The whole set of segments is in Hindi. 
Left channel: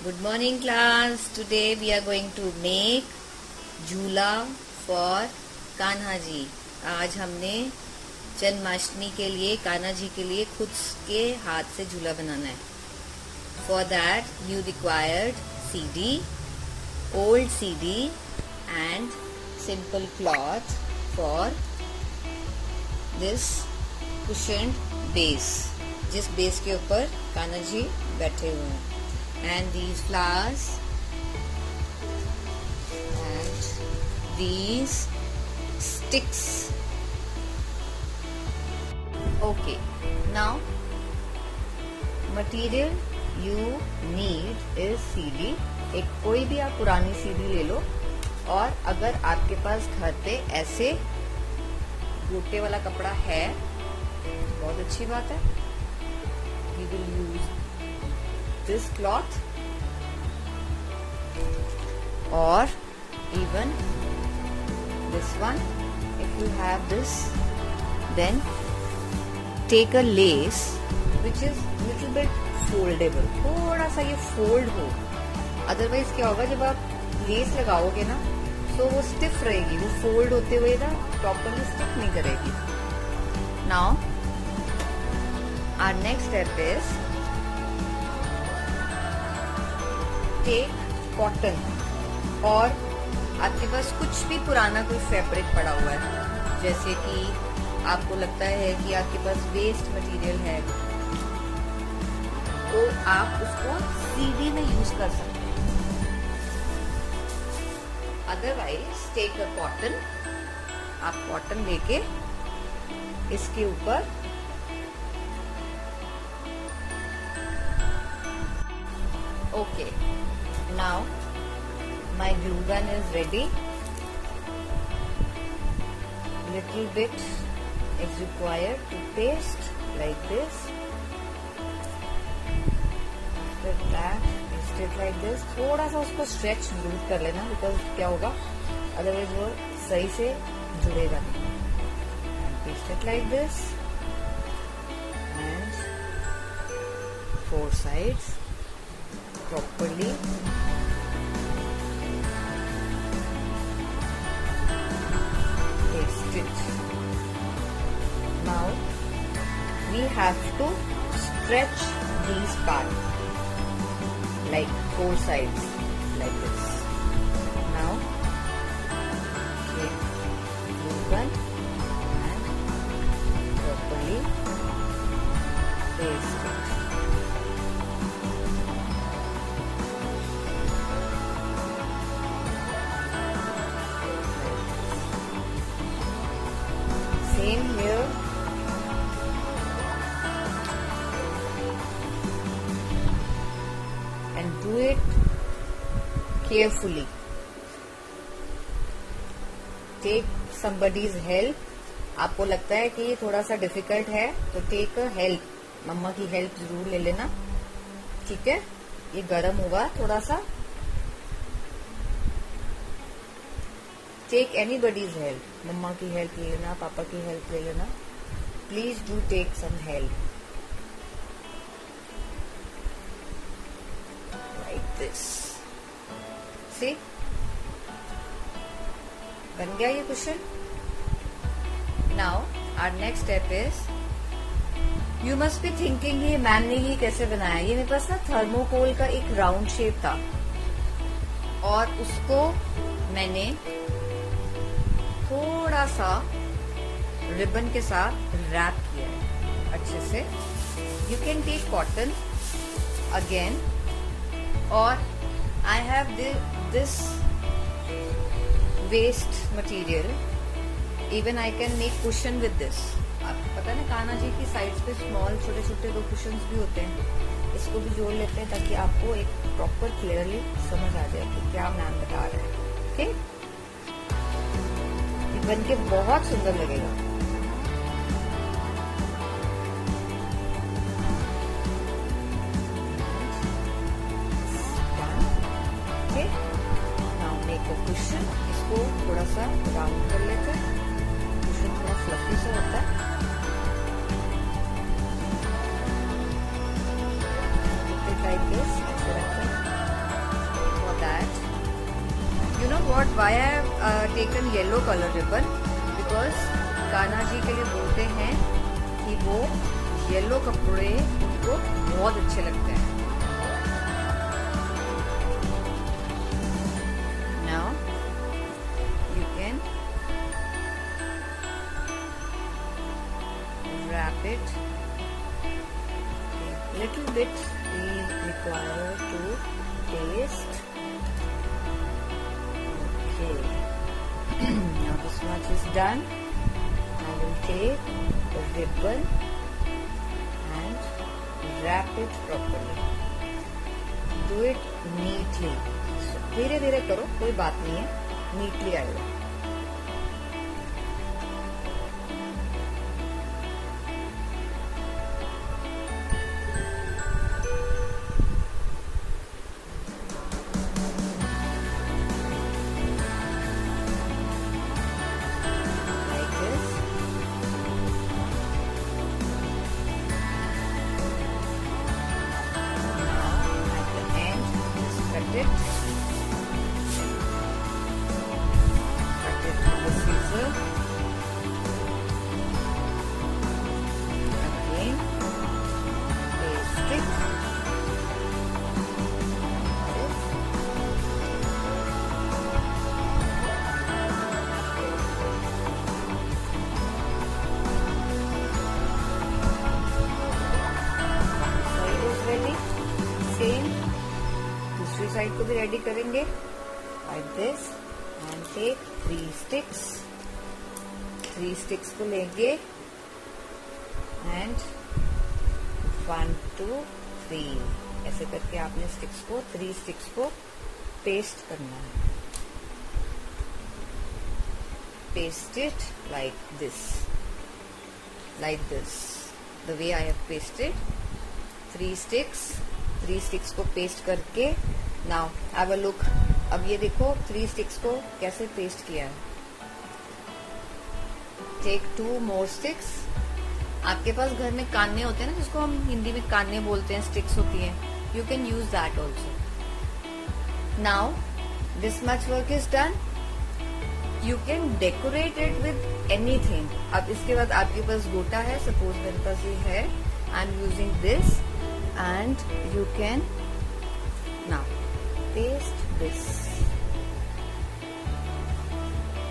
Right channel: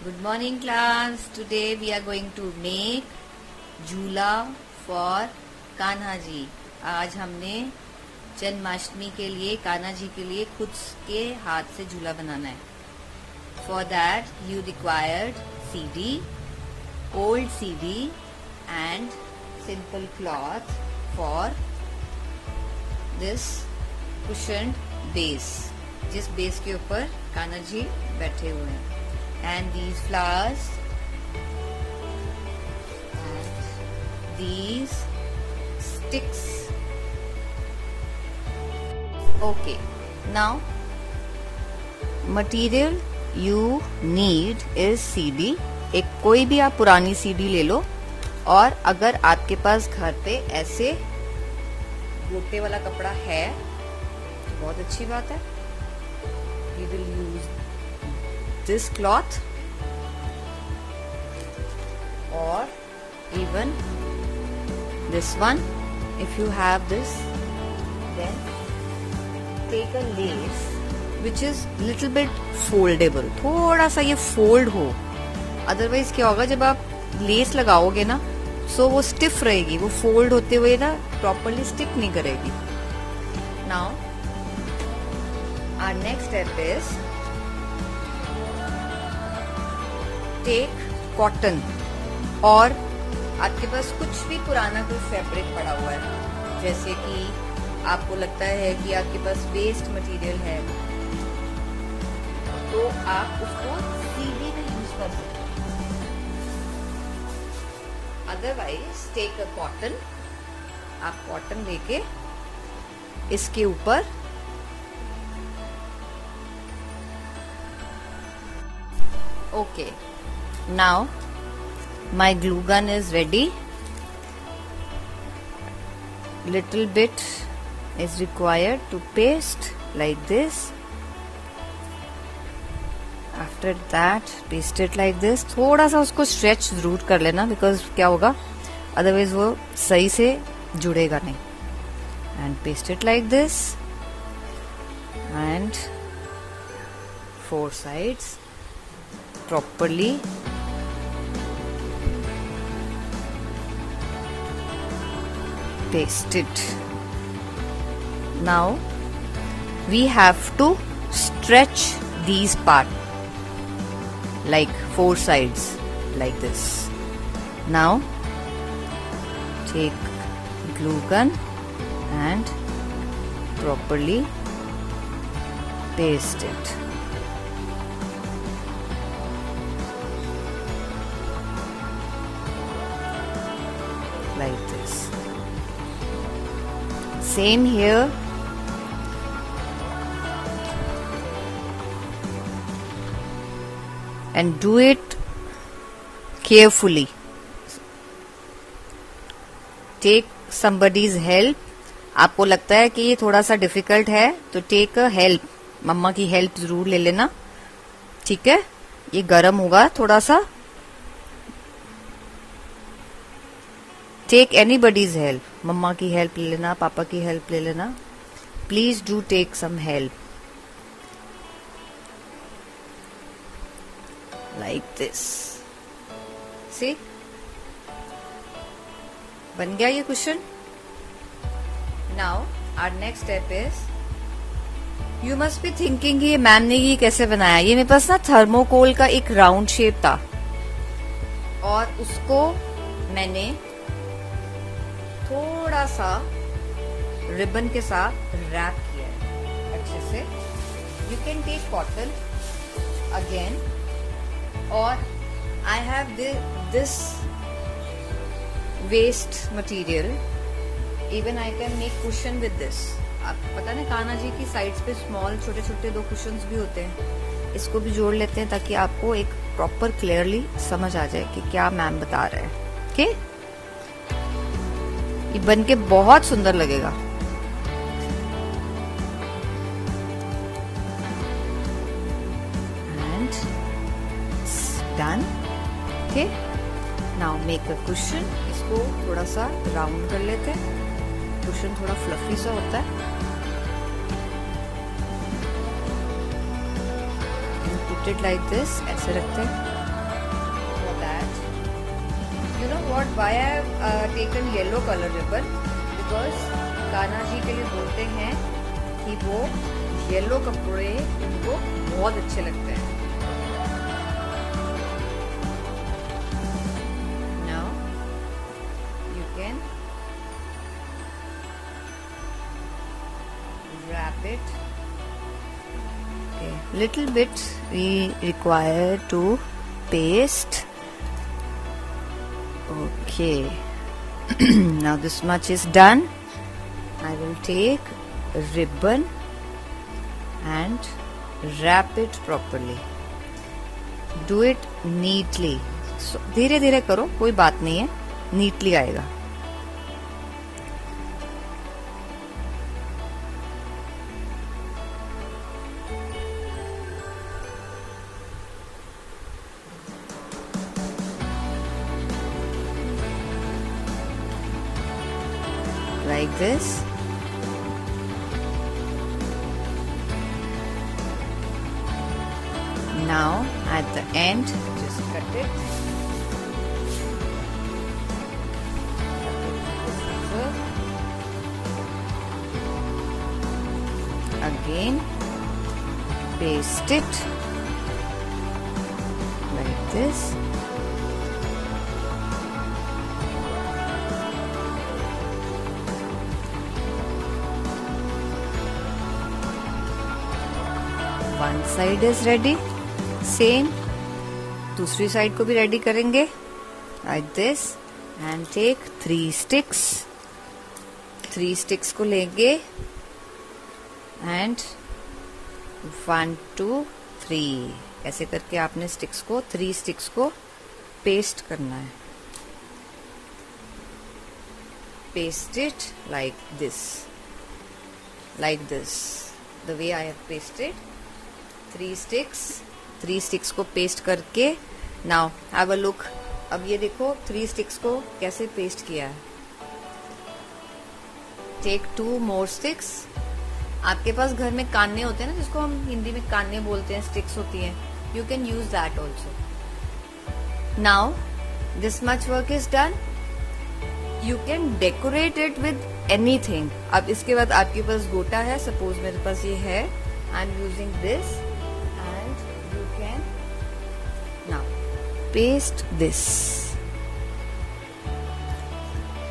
Good morning class. Today we are going to make झूला for कान्हा जी. आज हमने जन्माष्टमी के लिए कान्हा जी के लिए खुद के हाथ से झूला बनाना है. For that you required CD, old CD and simple cloth for this cushioned base. जिस बेस के ऊपर कान्हा जी बैठे हुए हैं. And these flowers and these sticks. Okay, now material you need is CD. एक कोई भी आप पुरानी CD ले लो, और अगर आपके पास घर पे ऐसे गोटे वाला कपड़ा है तो बहुत अच्छी बात है. We will use this cloth or even this one. If you have this, then take a lace which is little bit foldable. थोड़ा सा ये fold हो, otherwise क्या होगा जब आप लेस लगाओगे ना, so वो stiff रहेगी, वो fold होते हुए ना properly stick नहीं करेगी. Now our next step is take cotton, और आपके पास कुछ भी पुराना कोई फैब्रिक पड़ा हुआ है, जैसे कि आपको लगता है कि आपके पास वेस्ट मटेरियल है, तो आप उसको सीवी में यूज कर सकते हैं. Otherwise take a cotton. आप कॉटन लेके इसके ऊपर okay. Now my glue gun is ready. Little bit is required to paste like this. After that paste it like this. थोड़ा सा उसको stretch जरूर कर लेना, because क्या होगा otherwise वो सही से जुड़ेगा नहीं. And paste it like this and four sides properly. Paste it. Now we have to stretch these part like four sides like this. Now take glue gun and properly paste it. Like this. Same here. And do it carefully. Take somebody's help. आपको लगता है कि ये थोड़ा सा डिफिकल्ट है तो टेक अ हेल्प. मम्मा की हेल्प जरूर ले लेना, ठीक है. ये गरम होगा थोड़ा सा. Take anybody's help. मम्मा की हेल्प ले लेना, पापा की हेल्प ले लेना. Please do take some help. Like this. See, बन गया ये cushion. Now our next step is, you must be thinking ये मैम ने ये कैसे बनाया. ये मेरे पास ना थर्मोकोल का एक राउंड शेप था, और उसको मैंने थोड़ा सा रिबन के साथ रैप किया है अच्छे से. You can take cotton again, और I have this waste material. Even I can make cushion with this. आपको पता ना कान्हा जी की साइड्स पे स्मॉल छोटे छोटे 2 कुशन्स भी होते हैं. इसको भी जोड़ लेते हैं ताकि आपको एक प्रॉपर क्लियरली समझ आ जाए कि क्या मैम बता रहे हैं. ओके, ये बन के बहुत सुंदर लगेगा. And done. Okay. Now make a cushion. इसको थोड़ा सा राउंड कर लेते हैं. कुशन थोड़ा फ्लफी सा होता है. Keep it like this. ऐसे रखते हैं. that. You know what? Why I have taken yellow color ribbon? Because Kanha ji के लिए बोलते हैं कि वो येलो कपड़े उनको बहुत अच्छे लगते हैं. Now you can wrap it. Okay. Little bit we require to paste. Okay. Now this much is done. I will take a ribbon and wrap it properly. Do it neatly. So, धीरे धीरे करो, कोई बात नहीं है, neatly आएगा. Like this. Now at the end, just cut it. Cut it with the scissor. Again, paste it like this. One side is ready. Same दूसरी साइड को भी रेडी करेंगे. Like this and take 3 sticks. 3 sticks को लेंगे and 1 2 3 ऐसे करके आपने स्टिक्स को 3 स्टिक्स को पेस्ट करना है. Paste it like this. Like this. The way I have pasted. 3 sticks को पेस्ट करके नाउ हैव अ लुक. अब ये देखो 3 स्टिक्स को कैसे पेस्ट किया है. टेक 2 मोर स्टिक्स. आपके पास घर में कान्ने होते हैं ना, जिसको हम हिंदी में कान्ने बोलते हैं, स्टिक्स होती हैं. You can use that also. Now this much work is done. You can decorate it with anything. अब इसके बाद आपके पास गोटा है, सपोज मेरे पास ये है. I am using this and you can now paste this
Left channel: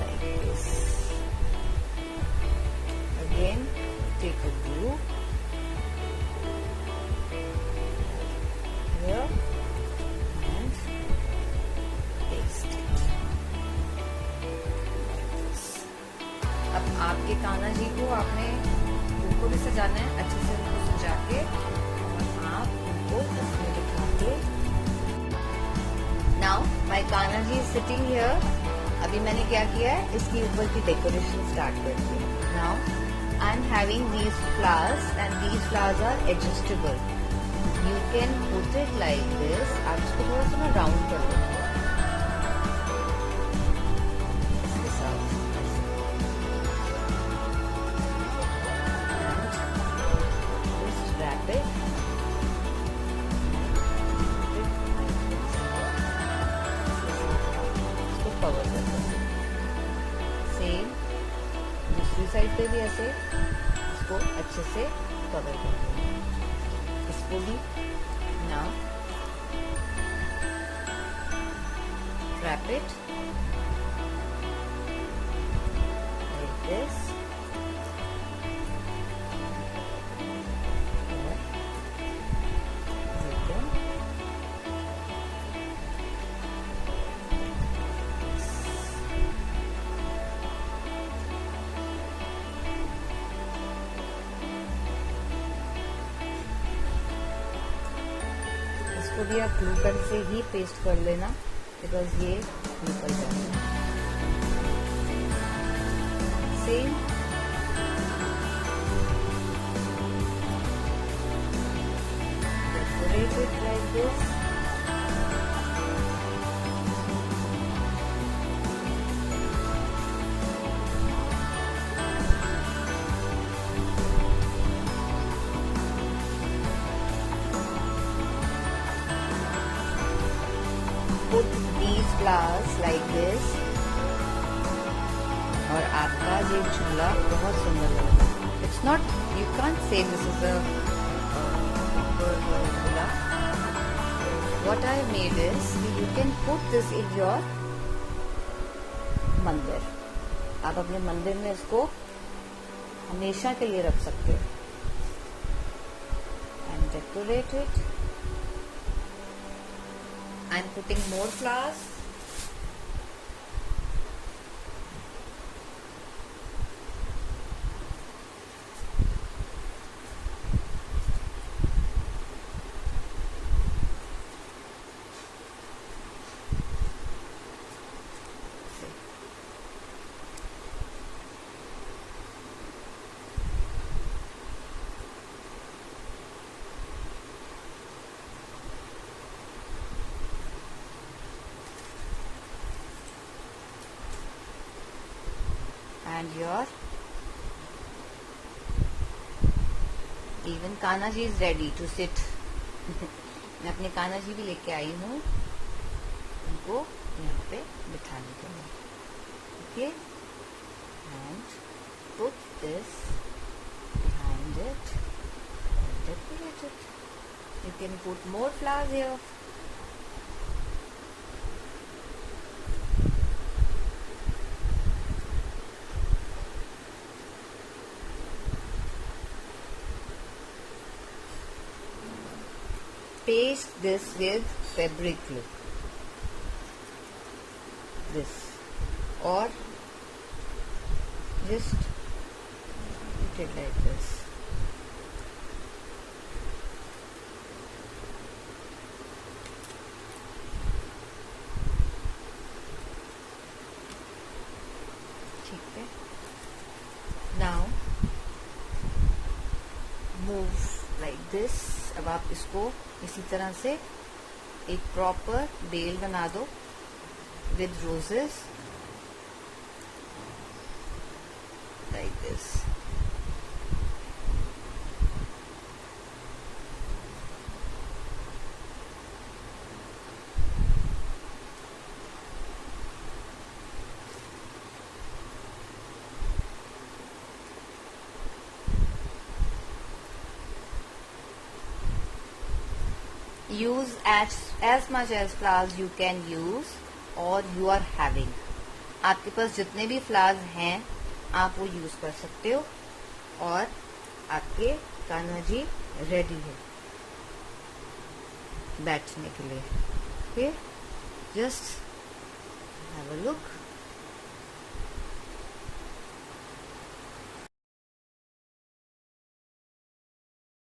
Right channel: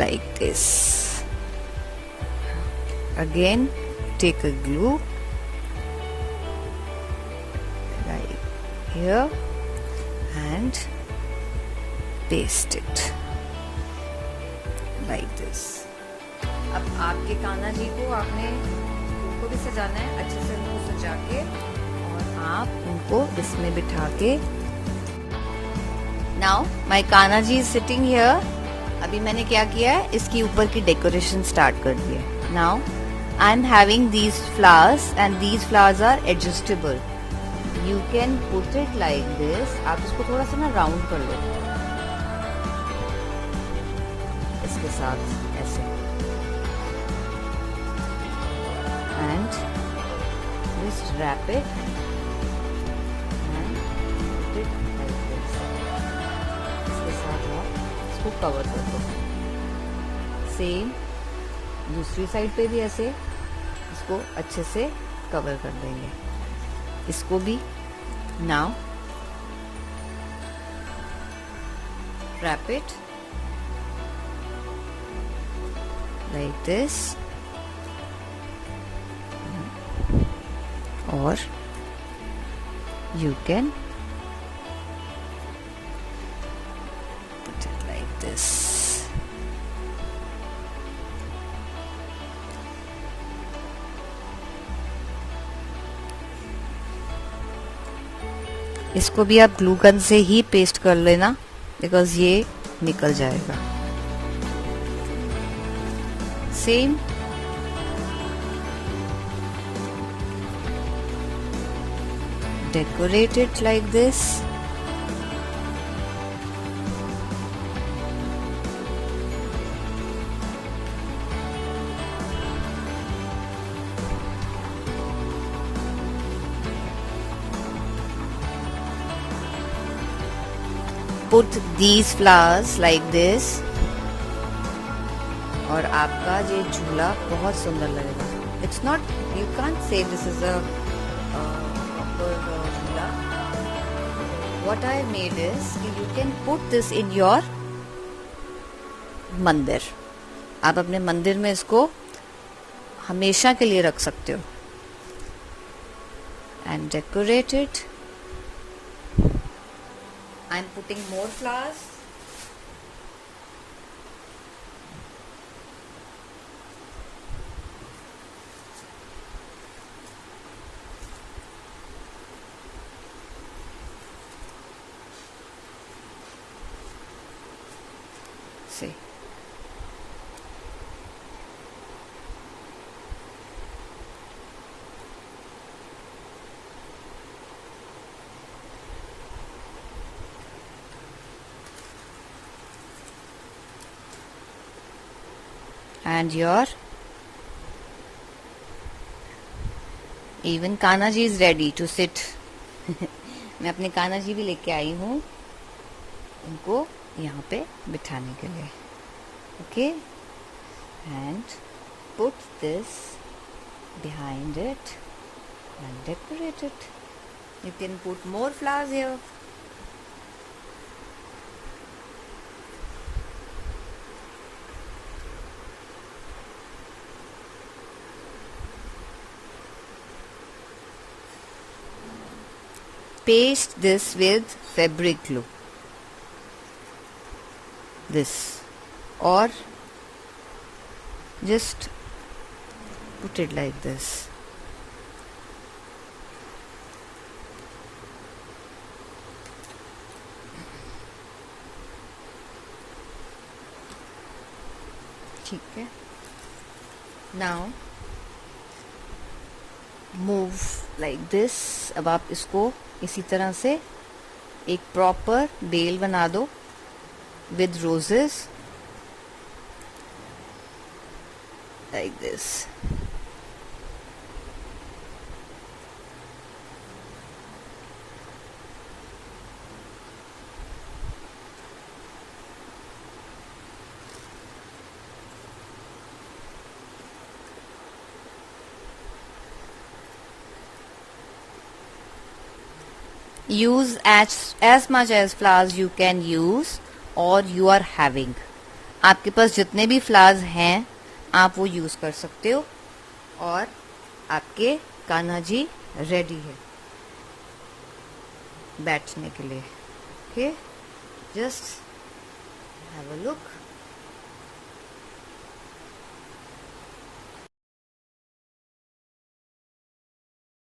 like this. Again take a glue right here and paste it like this. अब आपके कान्हा जी को आपने उनको भी सजाना है, अच्छे से उनको सजा के को इसमें बिठा के. Now my Kanha ji is sitting here. अभी मैंने क्या किया है, इसके ऊपर की डेकोरेशन स्टार्ट कर दी है. Now I am having these flowers and these flowers are adjustable. You can put it like this. आप इसको थोड़ा सा ना राउंड कर लो इसके साथ ऐसे and just wrap it. Cover कर दो. सेम दूसरी साइड पे भी ऐसे इसको अच्छे से कवर कर देंगे. इसको भी now wrap it like this और यू कैन इसको भी आप ग्लू गन से ही पेस्ट कर लेना, बिकॉज ये निकल जाएगा. Same decorate it like this. put these flowers like this और आपका जो झूला बहुत सुंदर लगेगा. It's not, you can't say this is a झूला. What I made is you can put this in your मंदिर. आप अपने मंदिर में इसको हमेशा के लिए रख सकते हो. And decorate it. I'm putting more flowers. See. And your even Kanha ji is ready to sit. मैं अपने कान्हा जी भी लेके आई हूँ उनको यहाँ पे बिठाने के लिए. Okay, and put this behind it and decorate it. You can put more flowers here. Paste this with fabric glue. This, or just put it like this. ठीक है. Now move like this. अब आप इसको इसी तरह से एक प्रॉपर बेल बना दो with roses like this. Use as much as flowers you can use or you are having. आपके पास जितने भी फ्लावर्स हैं आप वो यूज कर सकते हो और आपके कान्हा जी रेडी हो बैठने के लिए. Okay, just have a look.